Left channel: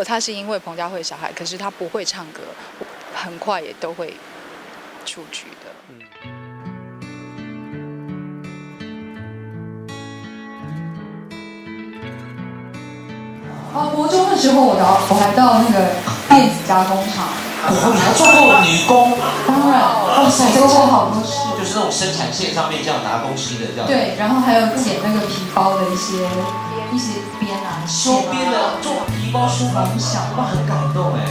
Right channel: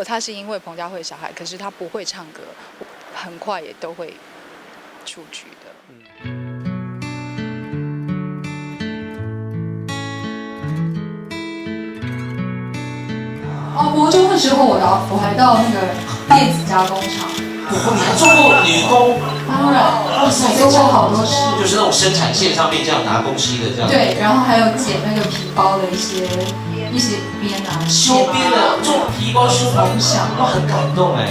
果他是因为彭佳慧的小孩，可是他不会唱歌，很快也都会出局的。国中的时候，我还到那个电子加工厂。你还做过女工？当然，我做过好多事。就是那种生产线上面这样拿东西的这样。对，然后还有剪那个皮包的一些边啊。收边的做皮包是梦想，我很感动哎。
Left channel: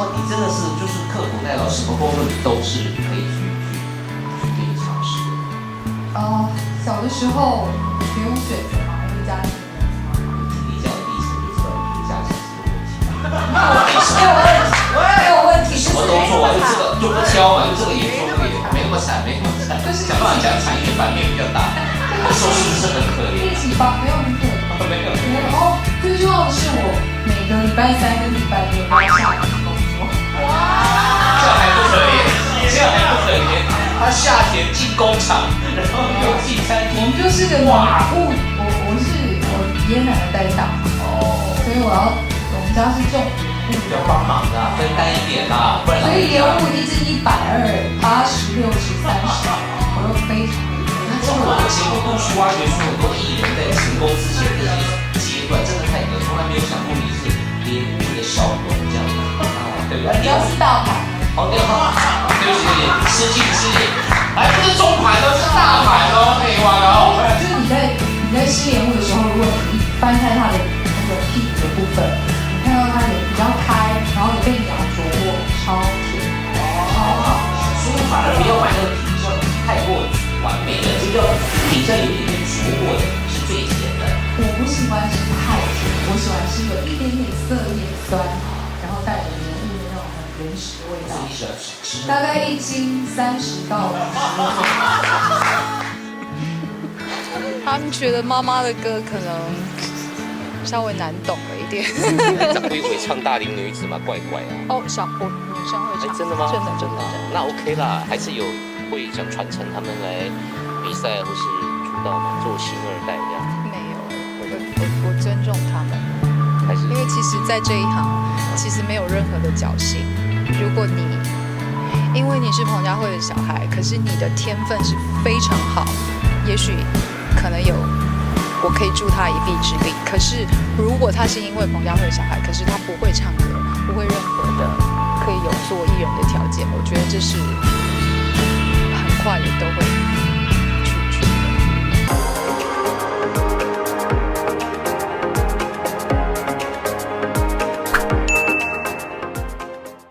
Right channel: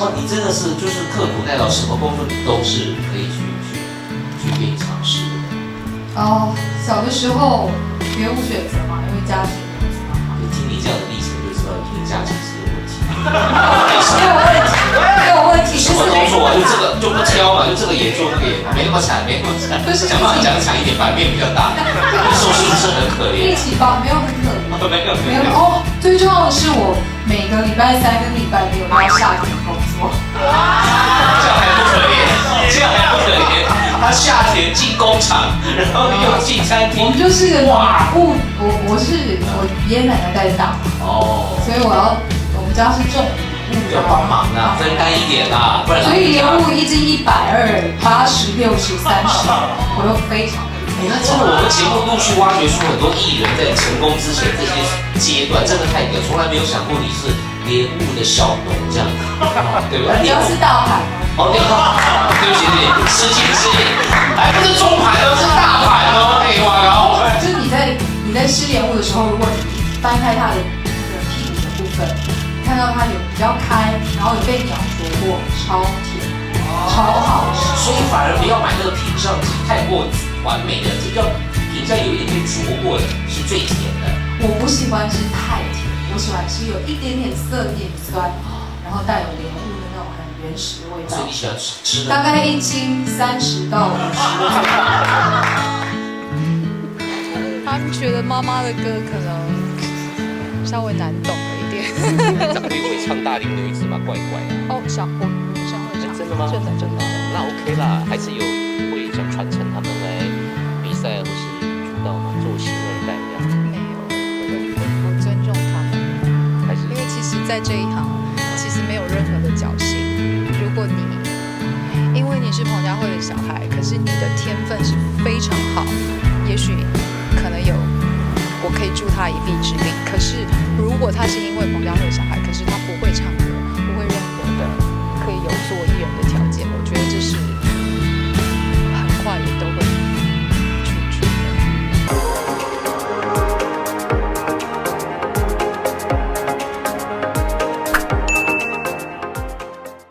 哇，你真的是就是刻苦耐劳，什么工作都是可以去尝试的。小的时候别无选择嘛，因为家庭。听你这样的历程就知道你的家庭是有问题。没有问题。什么都做，就这个就不挑嘛，就这个也做，没那么惨，没那么惨。想把它讲的长一点，版面比较大，收视不是很可怜。一起吧，没有很可怜。然后最重要的是，我每个礼拜3跟礼拜6都要下田工作。这样还不可怜，他下田进工厂，然后你要进餐厅。我们就是一个我是我爷爷奶奶在大，所以我们家是种。要帮忙啊，分担一点啦，不然。所以连物一斤120、80、60、30，我都非常的累。我们节目陆续挖掘出很多艺人在成功之前这些阶段，真的太牛，从来没有想过你是连物的少农这样，对吧？你要知道哈。对不起，失敬。哎，这是中盘哦，是大盘哦，废话哟。就是你在吃莲雾的时候，如果你掰开它的那个屁股的部分，你看到它有比较开，然后也被鸟啄过，超甜，超好吃。所以反而不要买那个品相太过完美的，这叫底下有一点啄过的是最甜的。我不喜欢吃太甜，我喜欢吃有一点点涩、一点酸，然后带有莲雾的那种很原始的味道。所以你喜欢吃大概1斤30到50。他们觉得妈妈的歌可能稍微难懂了一点。长辈会唱大龄女子嘛，怪怪啊。我女生会唱。真的吗？真的。那 OK 啦，还是有会想传承他们来比赛或是出道嘛，做新二代这样。没有，我尊重他们。还是因为其实，在这一行，其实没有任何的侥幸。如果因为你是彭佳慧的小孩，可是你的天分是非常好，也许可能我可以助他一臂之力。可是如果他是因为彭佳慧的小孩，可是他不会唱歌，不会任何的可以有做艺人的条件，我觉得这是很快也都会